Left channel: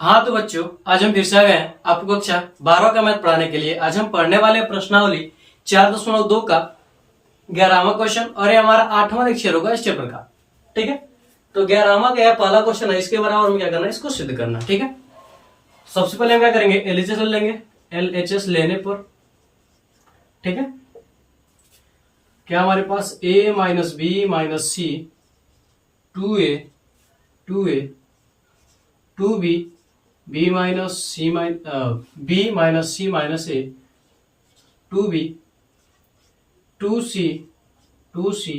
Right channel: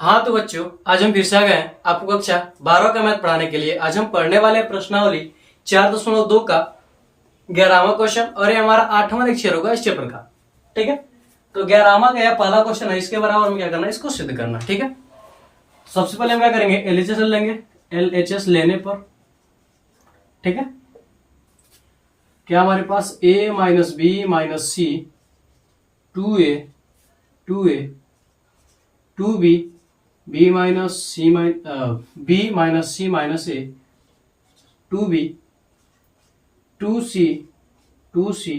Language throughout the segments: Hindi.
हाँ तो बच्चों, आज हम फिर से आ गए हैं आपको कक्षा 12 का मैथ पढ़ाने के लिए। आज हम पढ़ने वाले हैं प्रश्नावली 4.2 का 11वां क्वेश्चन, और ये हमारा 8वां लेक्चर होगा इस चैप्टर का। ठीक है, तो 11वां का पहला क्वेश्चन है, इसके बराबर में क्या करना है, इसको सिद्ध करना। ठीक है, सबसे पहले हम क्या करेंगे, एलएचएस लेंगे। एलएचएस लेने पर ठीक है, क्या हमारे पास a minus B minus C 2a 2a 2b b minus C B minus C minus A 2b 2c 2c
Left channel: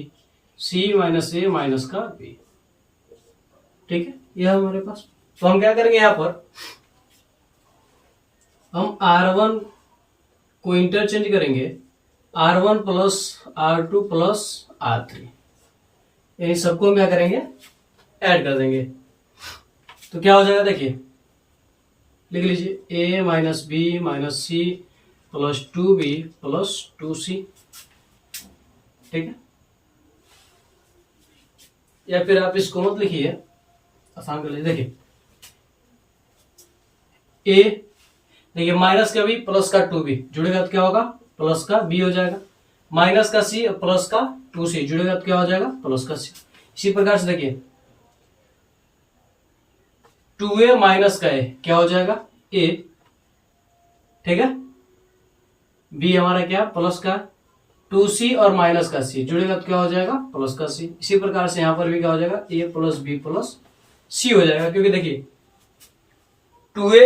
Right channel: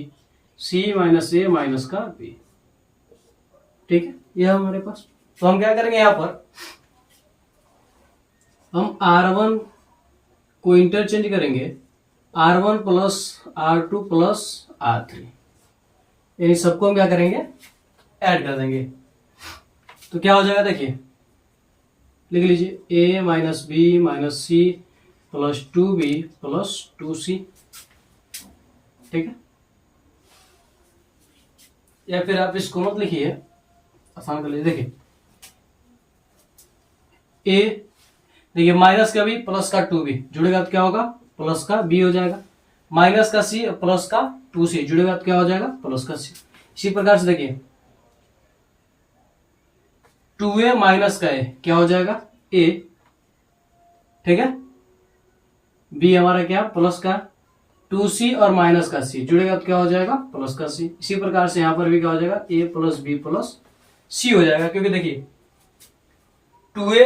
c minus A minus का b। ठीक है, यह हमारे पास। तो हम क्या करेंगे, यहां पर हम R1 को इंटरचेंज करेंगे, R1 plus R2 plus R3, इन सबको हम क्या करेंगे, ऐड कर देंगे। तो क्या हो जाएगा, देखिए लिख लीजिए a minus B minus C plus 2b plus 2c। ठीक है, या फिर आप इसको मत लिखिए, आसान कर लीजिए। देखिए a, देखिए माइनस का b प्लस का 2b जुड़ेगा तो क्या होगा, प्लस का b हो जाएगा। माइनस का c प्लस का 2c जुड़ेगा तो क्या हो जाएगा, प्लस का c। इसी प्रकार से देखिए 2a माइनस का a क्या हो जाएगा, a। ठीक है, b हमारा क्या, प्लस का 2c और माइनस का c जुड़ेगा तो क्या हो जाएगा, प्लस का c। इसी प्रकार से यहां पर भी क्या हो जाएगा, a plus b plus c हो जाएगा, क्योंकि देखिए 2a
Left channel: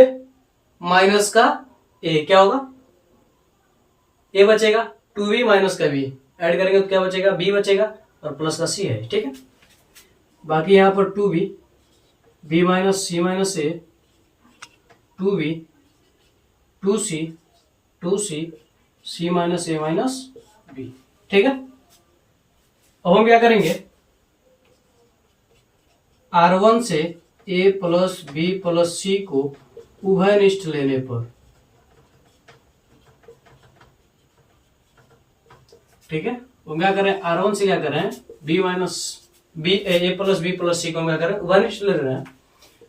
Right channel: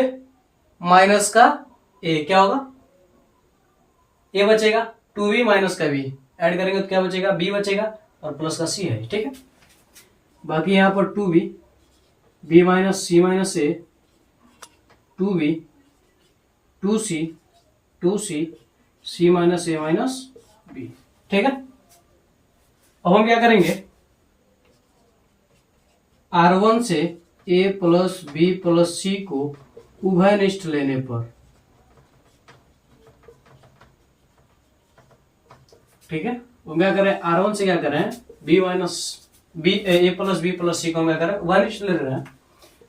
माइनस का a क्या होगा, a बचेगा, 2b माइनस का b ऐड करेंगे तो क्या बचेगा, b बचेगा, और प्लस का c है। ठीक है, बाकी यहां पर 2b b minus C minus A 2b 2c 2c c minus A minus b। ठीक है, अब हम क्या करेंगे, R1 से a प्लस बी प्लस सी को उभयनिष्ठ लेने पर, ठीक है, वो क्या करें, R1 से क्या करें, b माइनस बी ए प्लस बी प्लस सी को हम क्या करें, उभयनिष्ठ ले रहे हैं।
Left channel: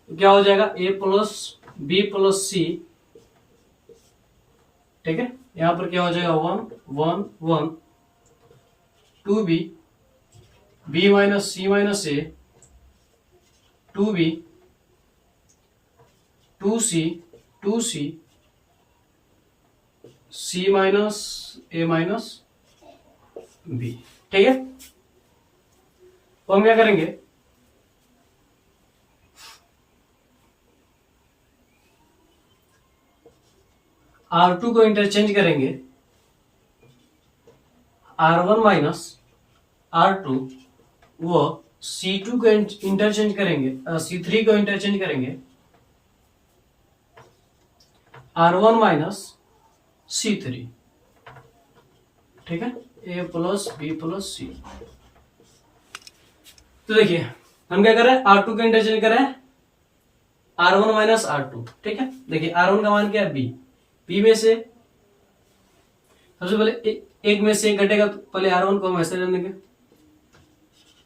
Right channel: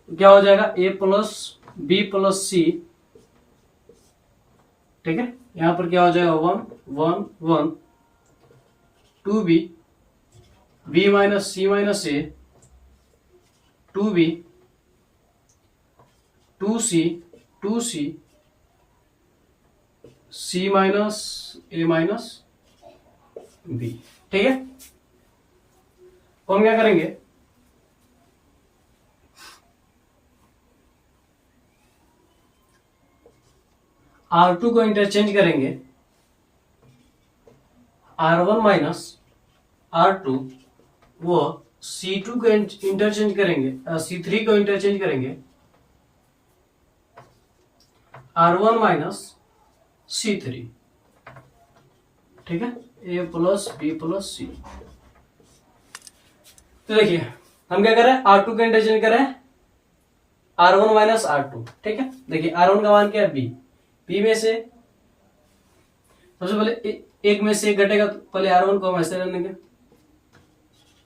तो क्या हो जाएगा, a प्लस बी प्लस सी। ठीक है, यहां पर क्या हो जाएगा, 1 1 1 2b b minus C minus A 2b 2c 2c c minus A minus b। ठीक है, तो हम क्या करेंगे, R2 को इंटरचेंज करेंगे, R1 माइनस R2 वो C2 को इंटरचेंज करेंगे, C3 को इंटरचेंज करेंगे, R1 माइनस C3। ठीक है, A प्लस बी प्लस सी। तो देखिए हम क्या करें, R2 को इंटरचेंज करें, R1 माइनस R2। ठीक है, देखिए R1 का मान क्या है, B में से सबसे पहले एक में से एक घटेगा, तो पहले R1 को हम ऐसे रख देंगे,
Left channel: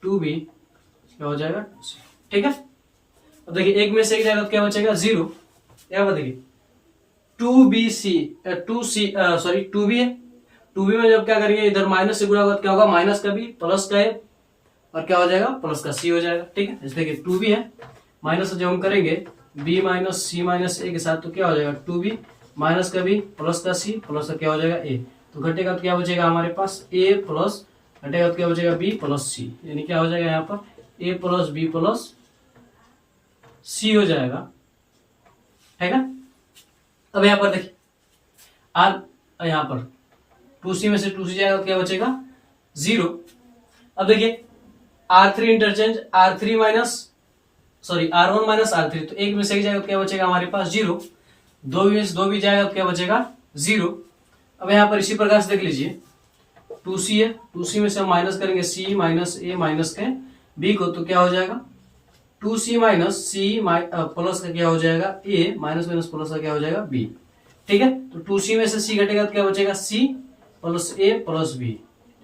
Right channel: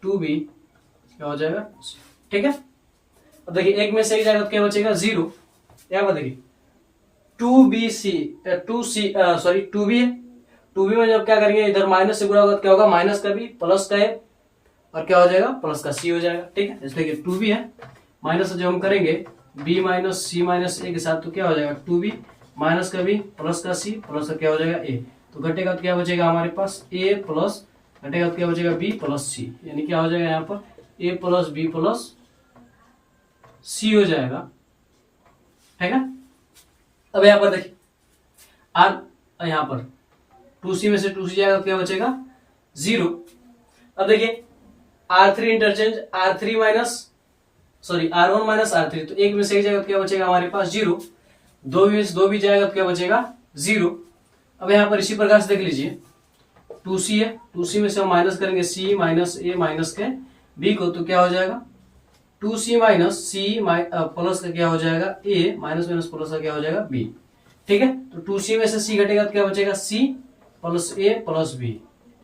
2b क्या हो जाएगा, ठीक है। अब देखिए एक में से एक जाएगा तो क्या बचेगा, 0। क्या देखिए 2b है, 2b में जब क्या करेंगे, इधर माइनस से गुणा होगा तो क्या होगा, माइनस का b प्लस का a और क्या हो जाएगा, प्लस का c हो जाएगा। ठीक है, इसलिए 2b है, माइनस जब हम करेंगे b माइनस सी माइनस ए के साथ तो क्या हो जाएगा, 2b माइनस का b प्लस का c प्लस का क्या हो जाएगा a। तो घटेगा तो क्या बचेगा हमारे पास, a प्लस घटेगा तो क्या बचेगा, b प्लस c, यानी क्या हो जाएगा यहाँ पर a plus b plus c हो जाएगा। ठीक है, अब यहाँ पर देखिए r, यहाँ पर 2c में से 2c जाएगा तो क्या बचेगा, 0। अब देखिए R3 interchange, R3 minus sorry R1 minus R3, तो एक में से एक जाएगा तो क्या बचेगा हमारे पास, 0। 2 में से 2 भी जाएगा तो क्या बचेगा, 0। अब यहाँ पर इसी प्रकार से देख लीजिए 2c है, 2c में से हम माइनस करेंगे c माइनस ए माइनस के b को, तो क्या हो जाएगा, 2c माइनस सी प्लस का क्या हो जाएगा, a माइनस माइनस प्लस का क्या हो जाएगा, b। ठीक है, तो 2c में से c घटेगा तो क्या बचेगा, c plus a plus b,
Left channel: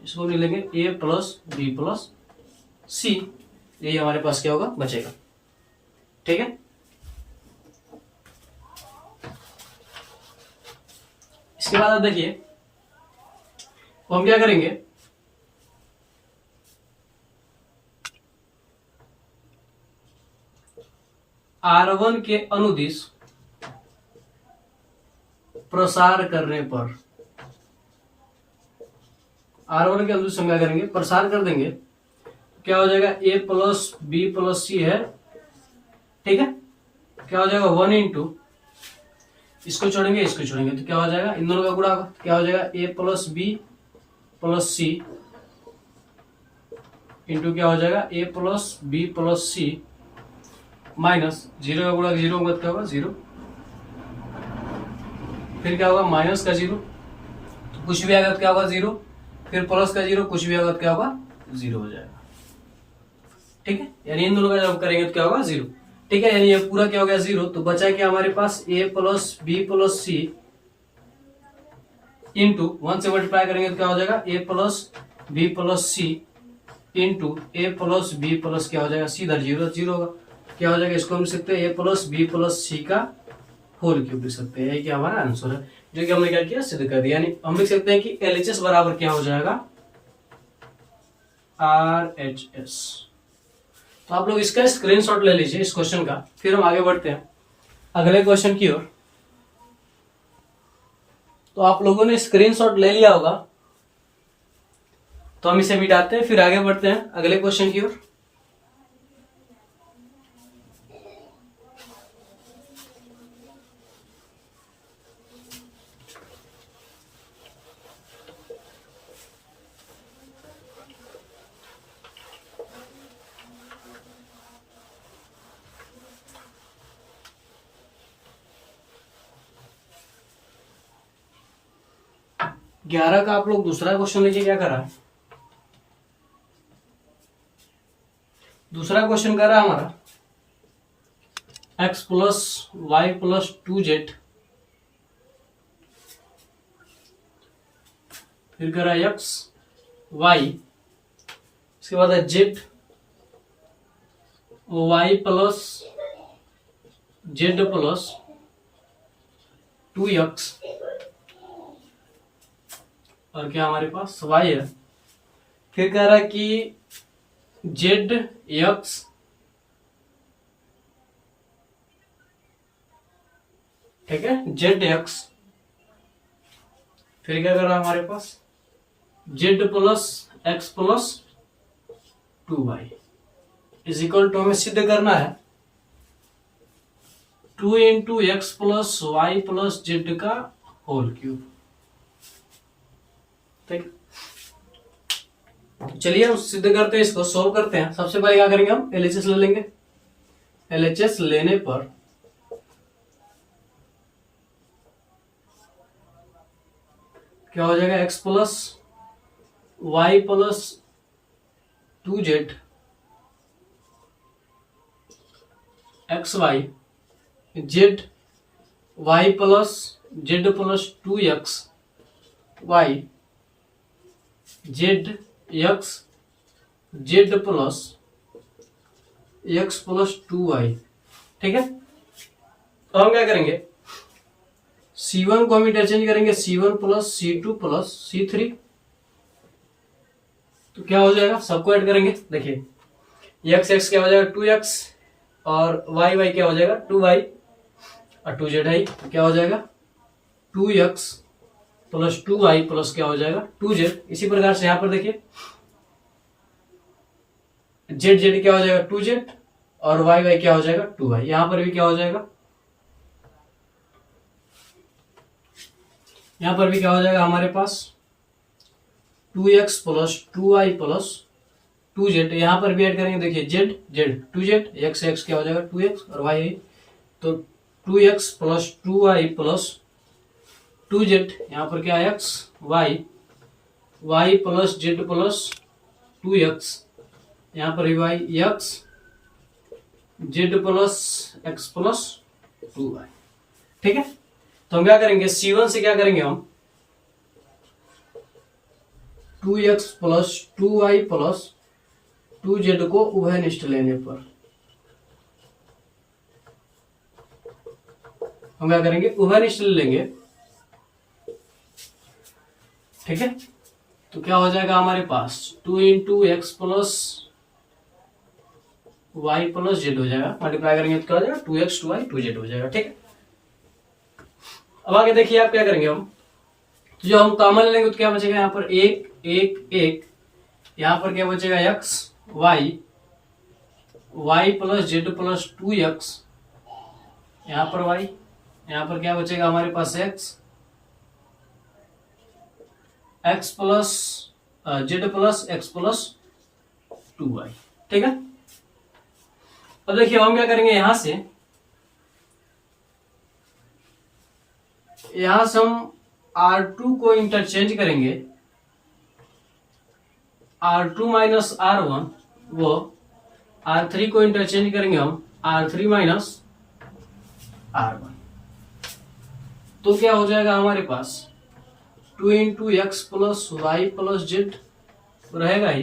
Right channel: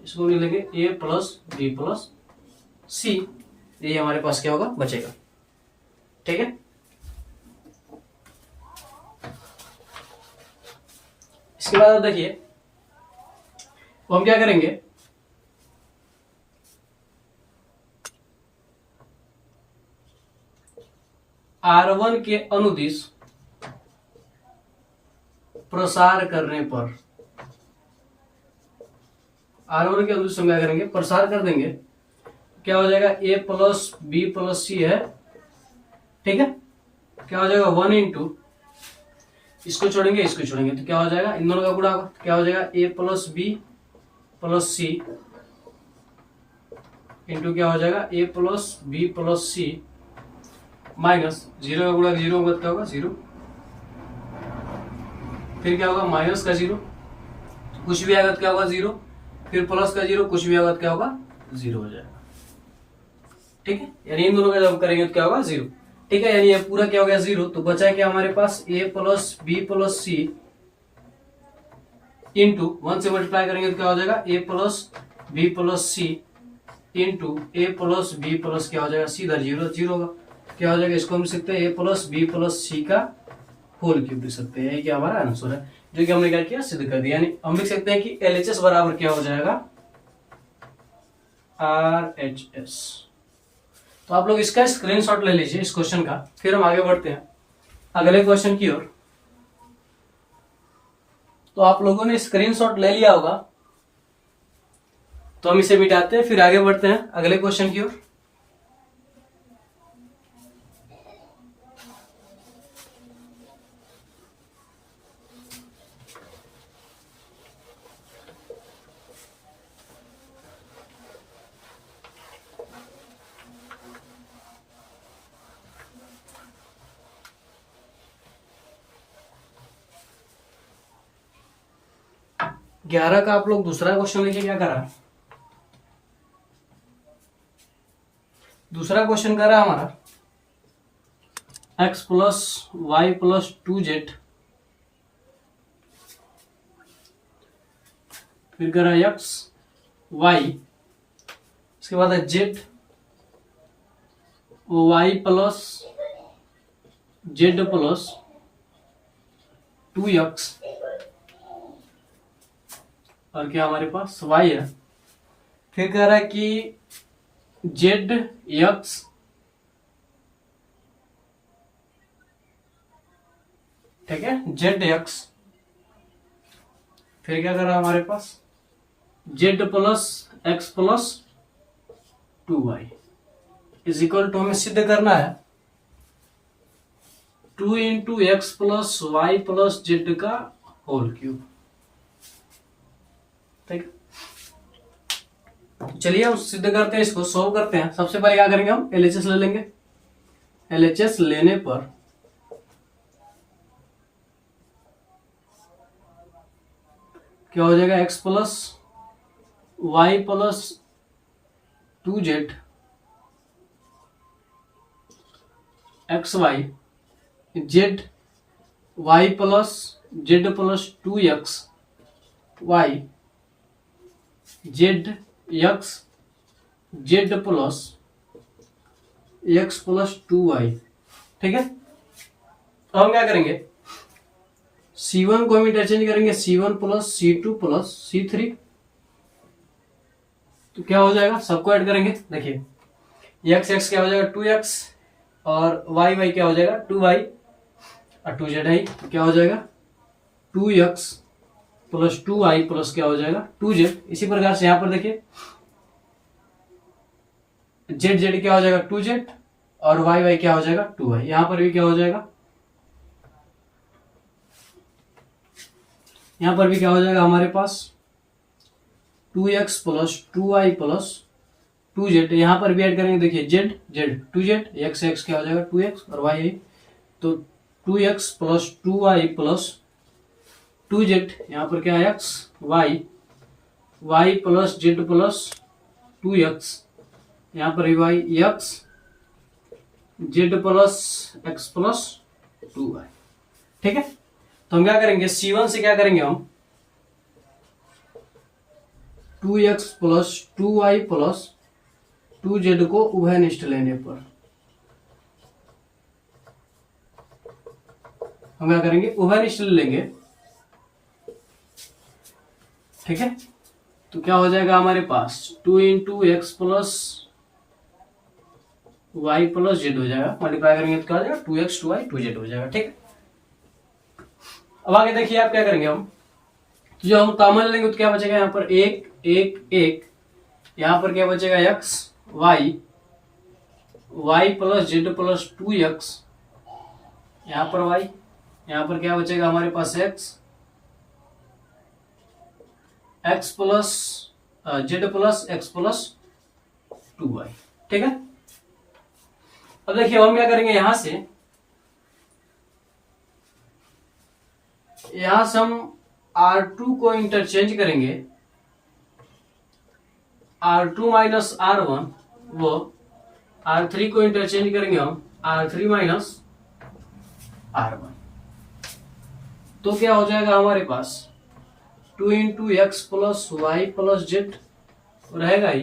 इसको लिख लेंगे a plus b plus c, ये हमारे पास क्या होगा, बचेगा। ठीक है, इसके बाद आप देखिए हम क्या करेंगे, R1 के अनुदिश प्रसार करने पर, R1 के अनुदिश हम क्या करेंगे, प्रसार कर देंगे, क्या हो जाएगा a प्लस बी प्लस सी है, ठीक है। क्या हो जाएगा 1 इंटू, इसको छोड़ेंगे इसको छोड़ेंगे तो क्या हो जाएगा, इन दोनों का गुणा होगा, क्या हो जाएगा a plus B plus C into क्या हो जाएगा a plus B plus C minus 0 का गुणा 0 होगा तो क्या होगा 0, फिर क्या होगा माइनस का 0 तो कुछ भी आएगा तो क्या होगा 0, फिर प्लस का 0 कुछ भी आएगा तो क्या होगा 0 हो जाएगा, ठीक है। यानी इन दोनों का जब करेंगे तो क्या होगा 0, ठीक है। यानी ये पूरा क्या हो गया 0, तो बचा क्या हमारे पास a plus B plus C into 1 से मल्टीप्लाई करेंगे तो क्या हो जाएगा a plus B plus C into A plus B plus क्या हो जाएगा सीधा 0 0 होगा, क्या हो जाएगा, इसको हम लिख सकते हैं a प्लस बी प्लस सी का होल क्यूब लिख सकते हैं, ये क्या हमारा आंसर है जो कि हमने क्या किया सिद्ध कर दिया। यानी हम लिख सकते हैं कि LHS बराबर क्या हो जाएगा RHS। तो आप लोग इसका स्क्रीनशॉट ले लीजिए इस क्वेश्चन का, फिर हम आगे बढ़ते हैं अगले क्वेश्चन की ओर। तो आप लोगों ने स्क्रीनशॉट ले लिया होगा, तो हम इसे मिटाते हैं फिर आगे बढ़ते हैं अगले क्वेश्चन की ओर। 11 का आप लोग दूसरा क्वेश्चन देखिए क्या कर रहा है। दूसरा क्वेश्चन कर रहा है हमारा x plus Y plus 2z, फिर कर रहा है x y, इसके बाद है z y plus z plus 2x, और क्या हमारे पास y है। फिर कह रहा है कि z x ठीक है z x, फिर क्या कर रहा है हमारे पास z plus x plus 2y is equal to हमें सिद्ध करना है 2 into X plus Y plus Z का होल क्यूब। ठीक, चलिए हम सिद्ध करते हैं, इसको सॉल्व करते हैं। सबसे पहले क्या करेंगे, हम एलएचएस ले लेंगे। एलएचएस लेने पर क्या हो जाएगा, X plus Y plus 2z X Y Z Y plus Z plus 2x Y Z X Z plus X plus 2y। ठीक है, तो हम क्या करेंगे, C1 को हम इंटरचेंज करेंगे, C1 plus C2 plus C3, तो क्या हो जाएगा, सबको ऐड करेंगे। देखिए एक्स एक्स क्या हो जाएगा 2x और वाई वाई क्या हो जाएगा 2y और 2z है, तो क्या हो जाएगा 2x प्लस 2y प्लस क्या हो जाएगा 2z। इसी प्रकार से यहां पर देखिए जेड जेड क्या हो जाएगा 2z और वाई वाई क्या हो जाएगा 2y। यहां पर भी क्या हो जाएगा, यहां पर भी क्या हो जाएगा हमारे पास 2x plus 2y plus 2z। यहां पर भी ऐड करेंगे, देखिए Z Z 2z x x क्या हो जाएगा 2x और y तो 2x plus 2y plus 2z। यहां पर क्या है x y plus Z plus 2x, यहां पर y x Z plus x plus 2y। ठीक है, तो हम क्या करेंगे, C1 से क्या करेंगे हम 2x plus 2y plus 2z को उभयनिष्ठ लेने पर हम क्या करेंगे, उभयनिष्ठ ले लेंगे। ठीक है। तो क्या हो जाएगा हमारे पास 2 into X plus Y plus Z हो जाएगा, मल्टीप्लाई करेंगे तो क्या हो जाएगा 2x 2y 2z हो जाएगा, ठीक है। अब आगे देखिए आप क्या करेंगे हम, तो जो हम कॉमन लेंगे तो क्या बचेगा यहाँ पर एक एक एक, यहाँ पर क्या बचेगा x y plus Z plus 2x, यहाँ पर y, यहाँ पर क्या बचेगा हमारे पास x plus Z plus x plus 2y, ठीक है। अब देखिए हम क्या करेंगे, यहां से हम R2 को इंटरचेंज करेंगे, R2 माइनस R1, वो R3 को इंटरचेंज करेंगे हम R3 माइनस R1, तो क्या हो जाएगा हमारे पास 2 into X plus Y plus Z रहेगा ही।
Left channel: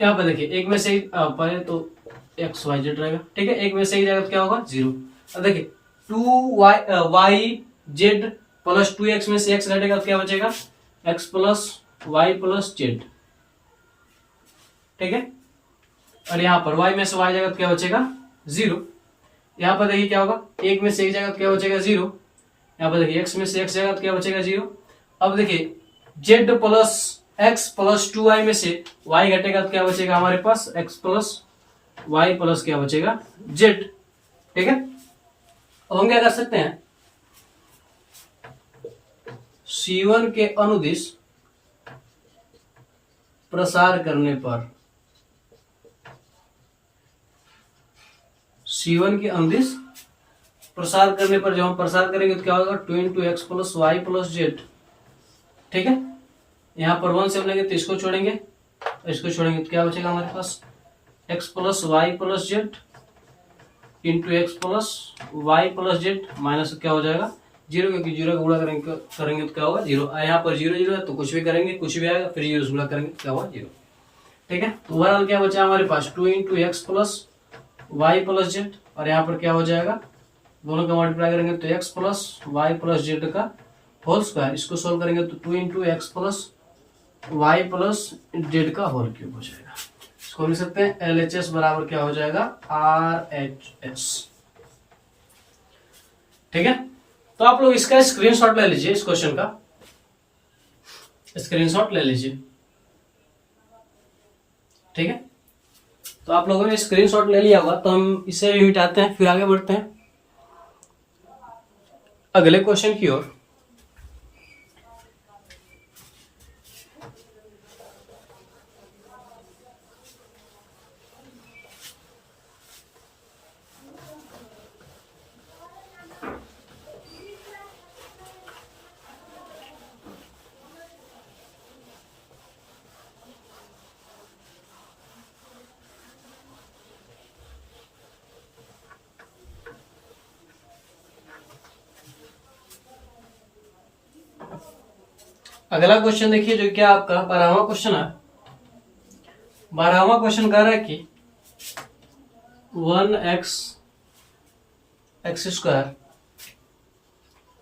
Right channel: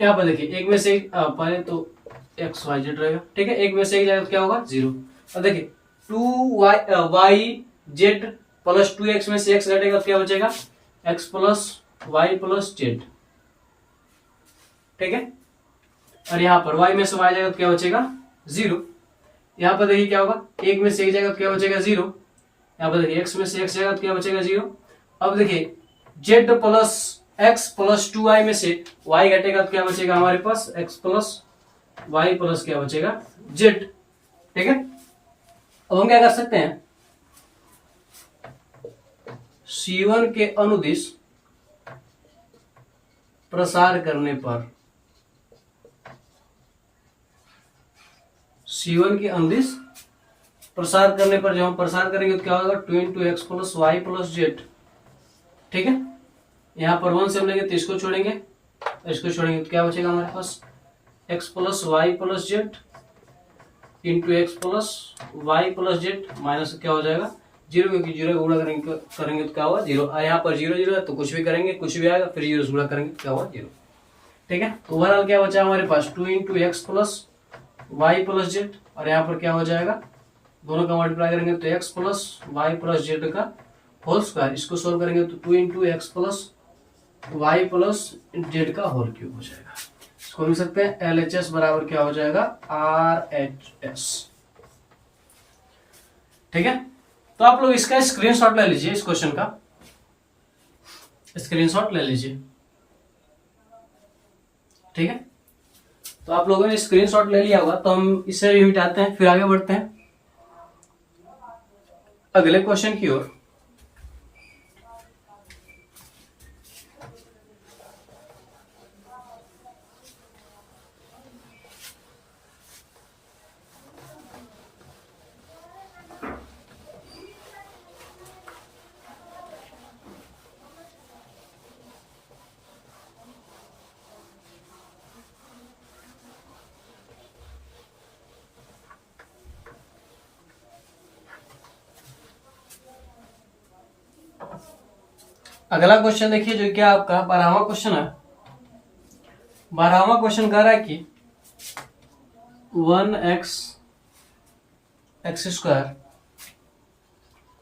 यहाँ पर देखिए एक में से पहले तो एक्स वाई जेड रहेगा, ठीक है, एक में से ही जाएगा तो क्या होगा 0। अब देखिए 2y जेड प्लस 2x में से x घटेगा तो क्या बचेगा x plus Y plus Z, ठीक है। और यहाँ पर y में से y जाएगा तो क्या बचेगा 0। यहाँ पर देखिए क्या होगा, एक में से एक जाएगा तो क्या बचेगा 0, यहाँ पर देखिए x में से x जाएगा तो क्या बचेगा 0। अब देखिए z plus x plus 2y में से y घटेगा तो क्या बचेगा हमारे पास x प्लस y प्लस क्या बचेगा z, ठीक है। अब हम क्या कर सकते हैं, C1 के अनुदिश प्रसार करने पर, C1 के अनुदिश प्रसार करने पर जब हम प्रसार करेंगे तो क्या होगा 2 into X plus Y plus Z, ठीक है। यहां पर 1 से हम लेंगे तो इसको छोड़ेंगे, इसको छोड़ेंगे तो क्या बचेगा हमारे पास X plus Y plus Z into X plus Y plus Z minus क्या हो जाएगा 0, क्योंकि 0 का गुणा करेंगे तो क्या होगा 0। यहाँ पर 0 0 है तो कुछ भी करेंगे कुछ भी आएगा, फिर 0 से गुणा करेंगे तो क्या होगा 0, ठीक है। तो ओवरऑल क्या बचा हमारे पास 2 into X plus Y plus Z, और यहाँ पर क्या हो जाएगा दोनों का मल्टीप्लाई करेंगे तो X plus Y plus Z का होल स्क्वायर, इसको सोल्व करेंगे तो 2 into X plus Y plus Z का होल क्यूब हो जाएगा। इसको लिख सकते हैं LHS बराबर क्या हो जाएगा RHS, ठीक है। तो आप लोग इसका स्क्रीनशॉट ले लीजिए, इस क्वेश्चन का स्क्रीनशॉट ले लीजिए, ठीक है। तो आप लोगों ने स्क्रीनशॉट ले लिया होगा, तो हम इसे यूं मिटाते हैं, फिर आगे बढ़ते हैं अगले क्वेश्चन की ओर। अगला क्वेश्चन देखिए, जो क्या आपका 12वां क्वेश्चन है। 12वां क्वेश्चन कह रहा है कि 1x x square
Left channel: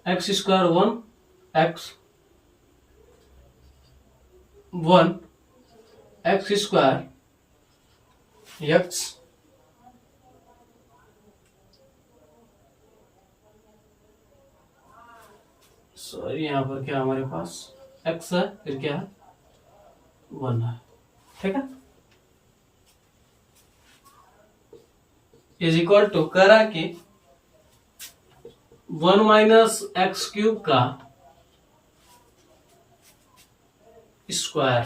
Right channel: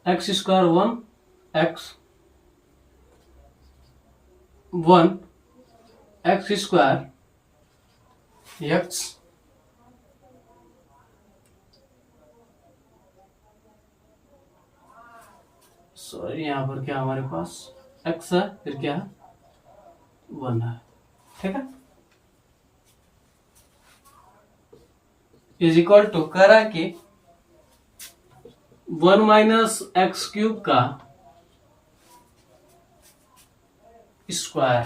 1x 1 x square x sorry यहां पर क्या हमारे पास x है, फिर क्या है 1 है, ठीक है, इज इक्वल टू कह रहा है कि 1 माइनस एक्स क्यूब का स्क्वायर,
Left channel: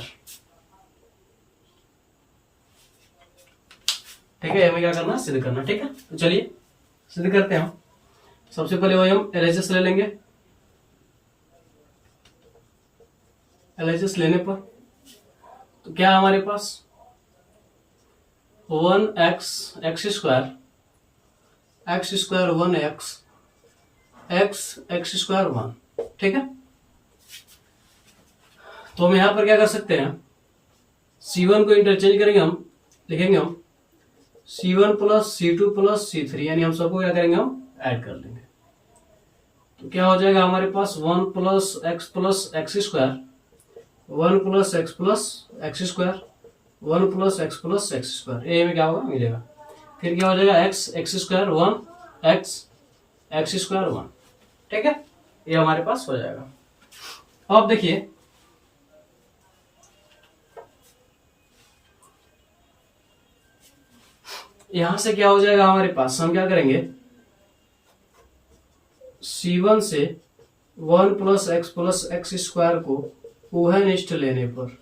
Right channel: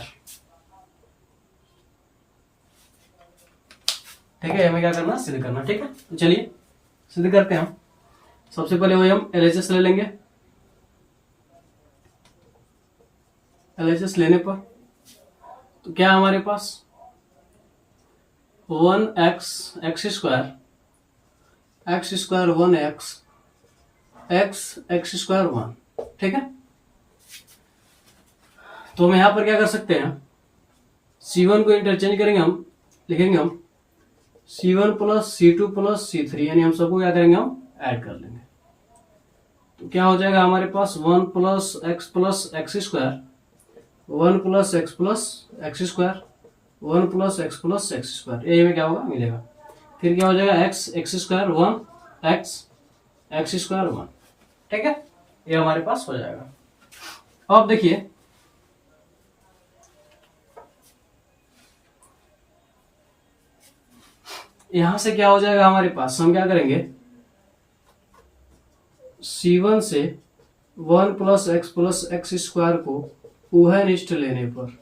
ठीक है। हमें क्या करना सिद्ध करना, ठीक है। तो चलिए सिद्ध करते हैं हम। सबसे पहले वही हम LHS ले लेंगे, LHS लेने पर तो क्या हमारे पास 1x x square 1x x square 1, ठीक है। तो हम यहां पर क्या कर सकते हैं, C1 को इंटरचेंज करेंगे, हम लिखेंगे हम C1 plus C2 plus C3, यानी हम सबको क्या करेंगे हम ऐड कर लेंगे। तो क्या हो जाएगा हमारे पास 1 plus X square one plus X square, one plus X square, ये में क्या होगा मिलेगा। फिर क्या हो जाएगा x square one x square one, ठीक है, ये हमारे पास हो जाएगा। अब देखिए यहां से क्या हो जाएगा हमारे पास, हम क्या करेंगे C1 से वन प्लस एक्स स्क्वायर को उभयनिष्ठ लेने पर,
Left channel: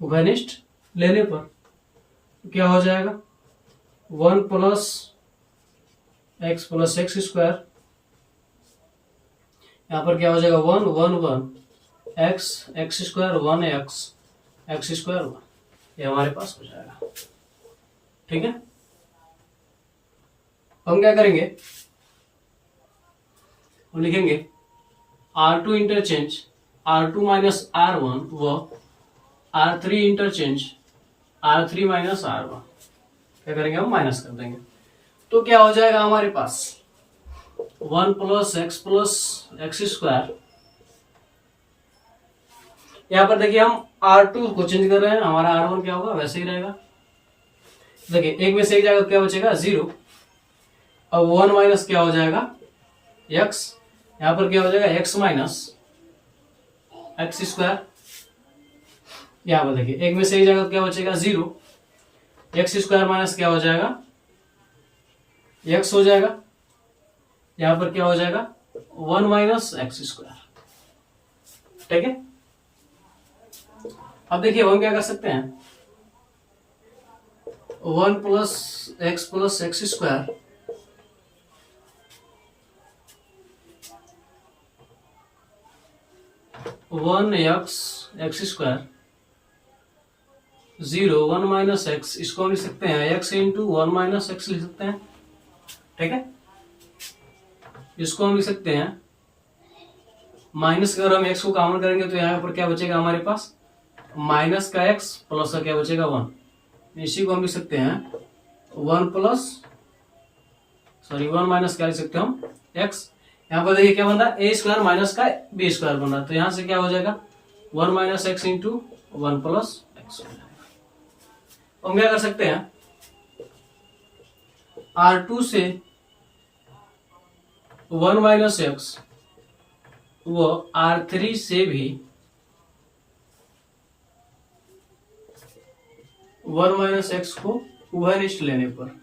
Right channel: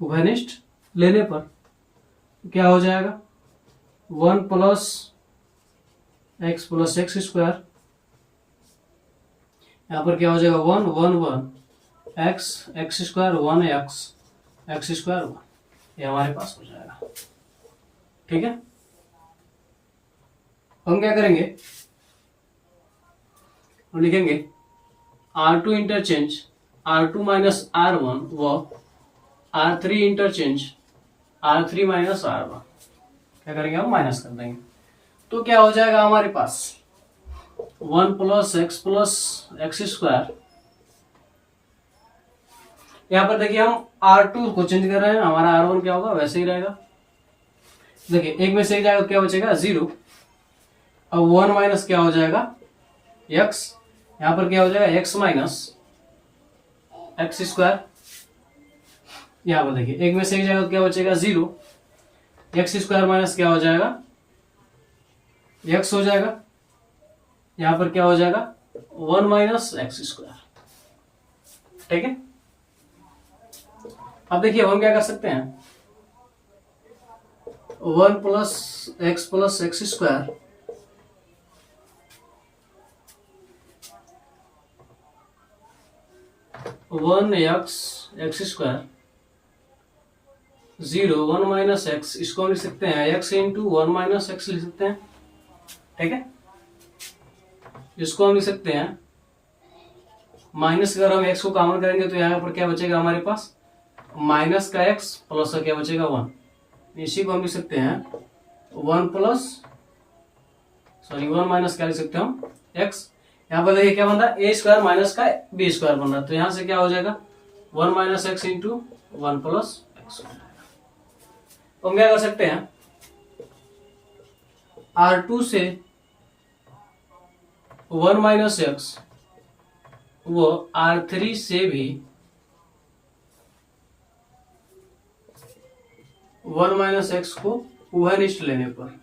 उभयनिष्ठ लेने पर क्या हो जाएगा वन प्लस एक्स स्क्वायर, यहां पर क्या हो जाएगा one one one x square one x square one, ये हमारे पास हो जाएगा। ठीक है, हम क्या करेंगे, हम लिखेंगे R2 interchange R2 minus R1 व R3 interchange R3 minus R1, क्या करेंगे हम माइनस कर देंगे, तो क्या हो जाएगा हमारे पास वन प्लस एक्स स्क्वायर, यहां पर देखिए हम R2 को चेंज कर रहे हैं, हमारा R1 क्या होगा वैसे ही रहेगा। देखिए एक में से एक जाएगा क्या बचेगा जीरो, अब वन माइनस क्या हो जाएगा एक्स, यहां पर क्या हो जाएगा एक्स माइनस एक्स स्क्वायर, यहां पर देखिए एक में से एक जाएगा क्या बचेगा जीरो, एक्स स्क्वायर माइनस क्या हो जाएगा एक्स हो जाएगा, यहां पर क्या हो जाएगा वन माइनस एक्स स्क्वायर। ठीक है, अब देखिए हम क्या कर सकते हैं, one plus X square one x square zero one minus x, इसको हम लिख सकते हैं x into one minus x लिख सकते हैं। ठीक है, इसको हम लिख सकते हैं माइनस, अगर हम एक्स को कॉमन करेंगे तो यहाँ पर क्या बचेगा हमारे पास माइनस का एक्स प्लस का क्या बचेगा वन, इसी को हम लिख सकते हैं one plus sorry one minus क्या लिख सकते हैं हम एक्स, यहाँ पर देखिए क्या बन रहा है ए स्क्वायर माइनस का बी स्क्वायर बन रहा है, तो यहां से क्या हो जाएगा one minus x into one plus x हो जाएगा। तो हम क्या कर सकते हैं R2 से वन माइनस एक्स वो R3 से भी वन माइनस एक्स को उभयनिष्ठ लेने पर,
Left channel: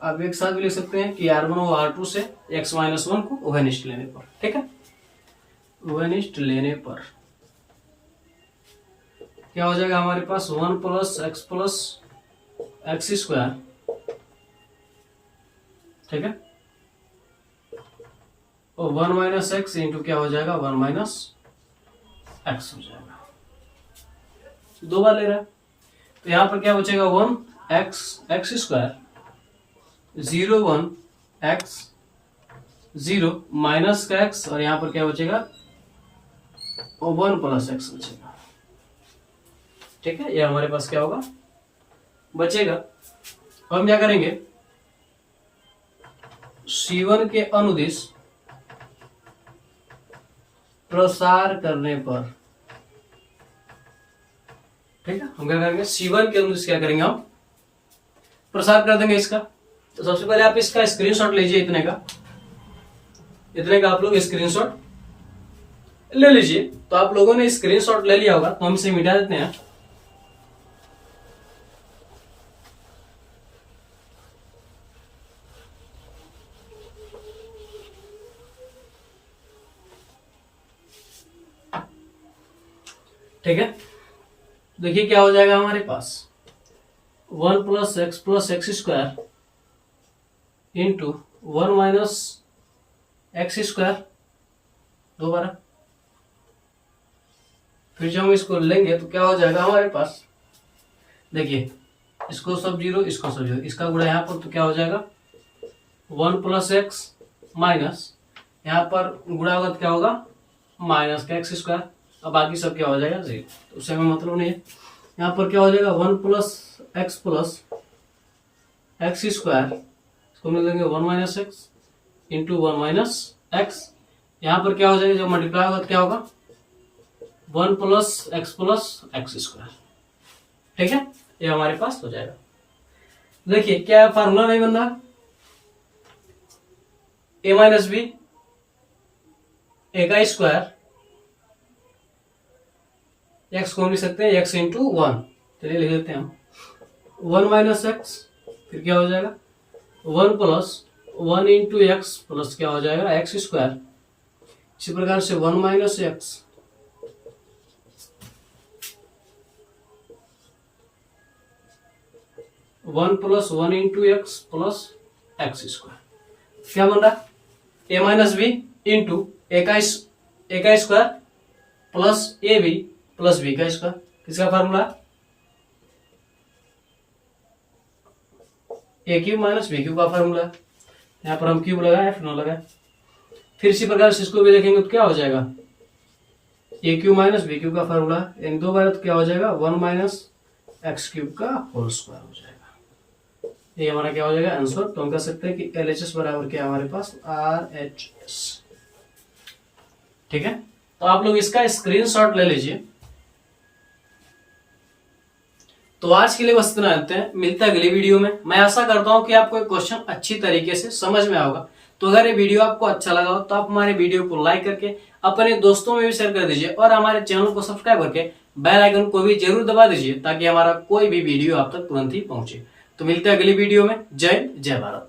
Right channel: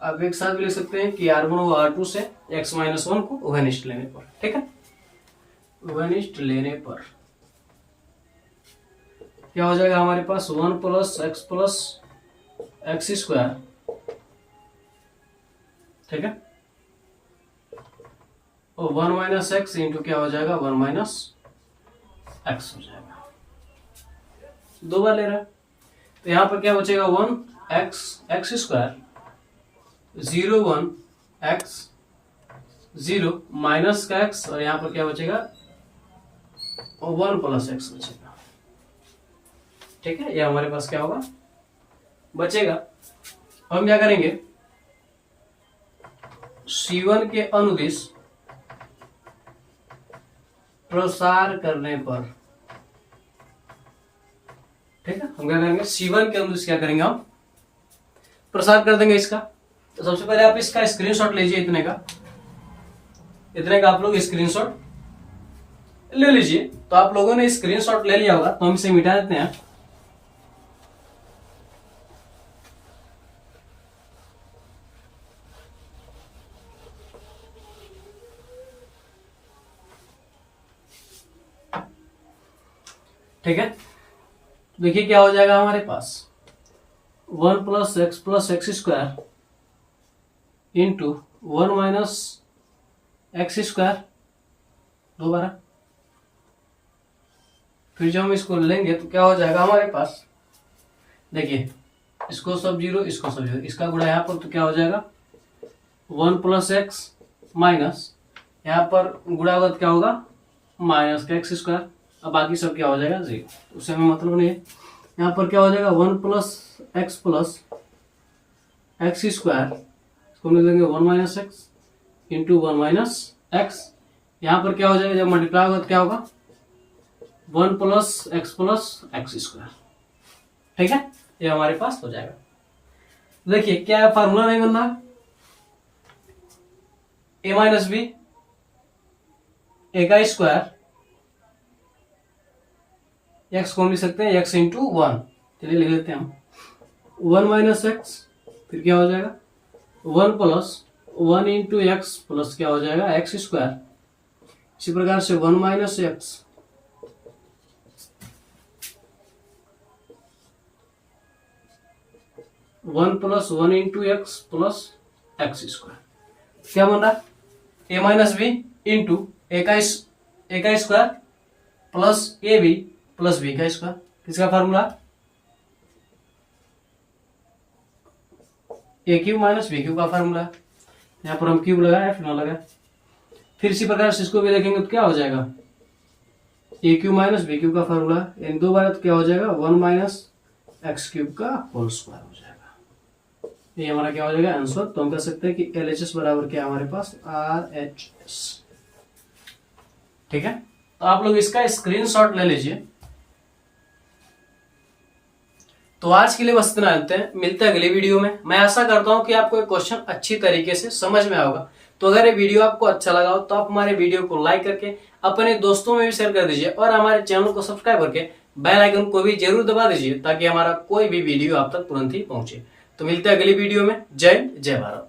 आप एक साथ भी लिख सकते हैं कि R1 व R2 से x माइनस वन को उभयनिष्ठ लेने पर। ठीक है, उभयनिष्ठ लेने पर क्या हो जाएगा हमारे पास वन प्लस एक्स स्क्वायर, ठीक है, और वन माइनस एक्स इंटू क्या हो जाएगा वन माइनस एक्स हो जाएगा, दो बार ले रहा है, तो यहां पर क्या बचेगा one x square zero one x zero minus का एक्स, और यहां पर क्या बचेगा वन प्लस एक्स बचेगा। ठीक है, ये हमारे पास क्या होगा बचेगा। हम क्या करेंगे C1 के अनुदिश प्रसार करने पर, ठीक है, हम क्या करेंगे C1 के अनुदिश क्या करेंगे हम प्रसार कर देंगे इसका। तो सबसे पहले आप इसका स्क्रीनशॉट लीजिए, इतने का आप लोग स्क्रीनशॉट ले लीजिए। तो आप लोगों ने स्क्रीनशॉट ले लिया होगा, तो हम इसे मिटा देते हैं। ठीक है, देखिए क्या हो जाएगा हमारे पास one plus X square into one minus X square दोबारा, फिर जब हम इसको लेंगे तो क्या हो जाएगा हमारे पास, देखिए इसको सब जीरो इसको सब जीरो, इसका गुणा यहाँ पर तो क्या हो जाएगा वन प्लस एक्स माइनस, यहाँ पर गुणा होगा तो क्या होगा माइनस का एक्स स्क्वायर, अब बाकी सब क्या हो जाएगा जीरो, उससे हमें मतलब नहीं है। यहाँ पर क्या हो जाएगा वन प्लस एक्स स्क्वायर, इसको मिल देंगे one minus x into one minus x, यहाँ पर क्या हो जाएगा, जब मल्टीप्लाई होगा तो क्या होगा 1 प्लस एक्स स्क्वायर। ठीक है, ये हमारे पास हो जाएगा। देखिए क्या फार्मूला नहीं बन रहा, ए माइनस बी ए का स्क्वायर, एक्स को हम लिख सकते हैं एक्स इंटू 1। चलिए लिख लेते हैं हम 1 माइनस एक्स, फिर क्या हो जाएगा 1 प्लस 1 इंटू एक्स प्लस क्या हो जाएगा एक्स स्क्वायर। इसी प्रकार से 1 minus X 1 plus 1 into X plus X square. क्या बन रहा, A minus B into A का square plus A B plus B का स्क्वायर। किसका formula, A cube minus B cube का फार्मूला। यहाँ पर हम क्यूब लगाए फिर ना लगाए। फिर इसी प्रकार से इसको भी देखेंगे तो क्या हो जाएगा ए क्यूब माइनस बी क्यूब का फार्मूला, इन दो बार तो क्या हो जाएगा 1 माइनस एक्स क्यूब का होल स्क्वायर हो जाएगा। ये हमारा क्या हो जाएगा आंसर। तो हम कह सकते हैं कि LHS बराबर क्या हमारे पास RHS। ठीक है, तो आप लोग इसका स्क्रीनशॉट ले लीजिए। तो आज के लिए बस इतना लेते हैं, मिलते हैं अगली वीडियो में। मैं आशा करता हूं कि आपको ये क्वेश्चन अच्छी तरीके से समझ में आएगा। तो अगर ये वीडियो आपको अच्छा लगा हो तो आप हमारे वीडियो को लाइक करके अपने दोस्तों में भी शेयर कर दीजिए और हमारे चैनल को सब्सक्राइब करके बेल आइकन को भी जरूर दबा दीजिए ताकि हमारा कोई भी वीडियो आप तक तुरंत ही पहुंचे। तो मिलते हैं अगली वीडियो में। जय भारत।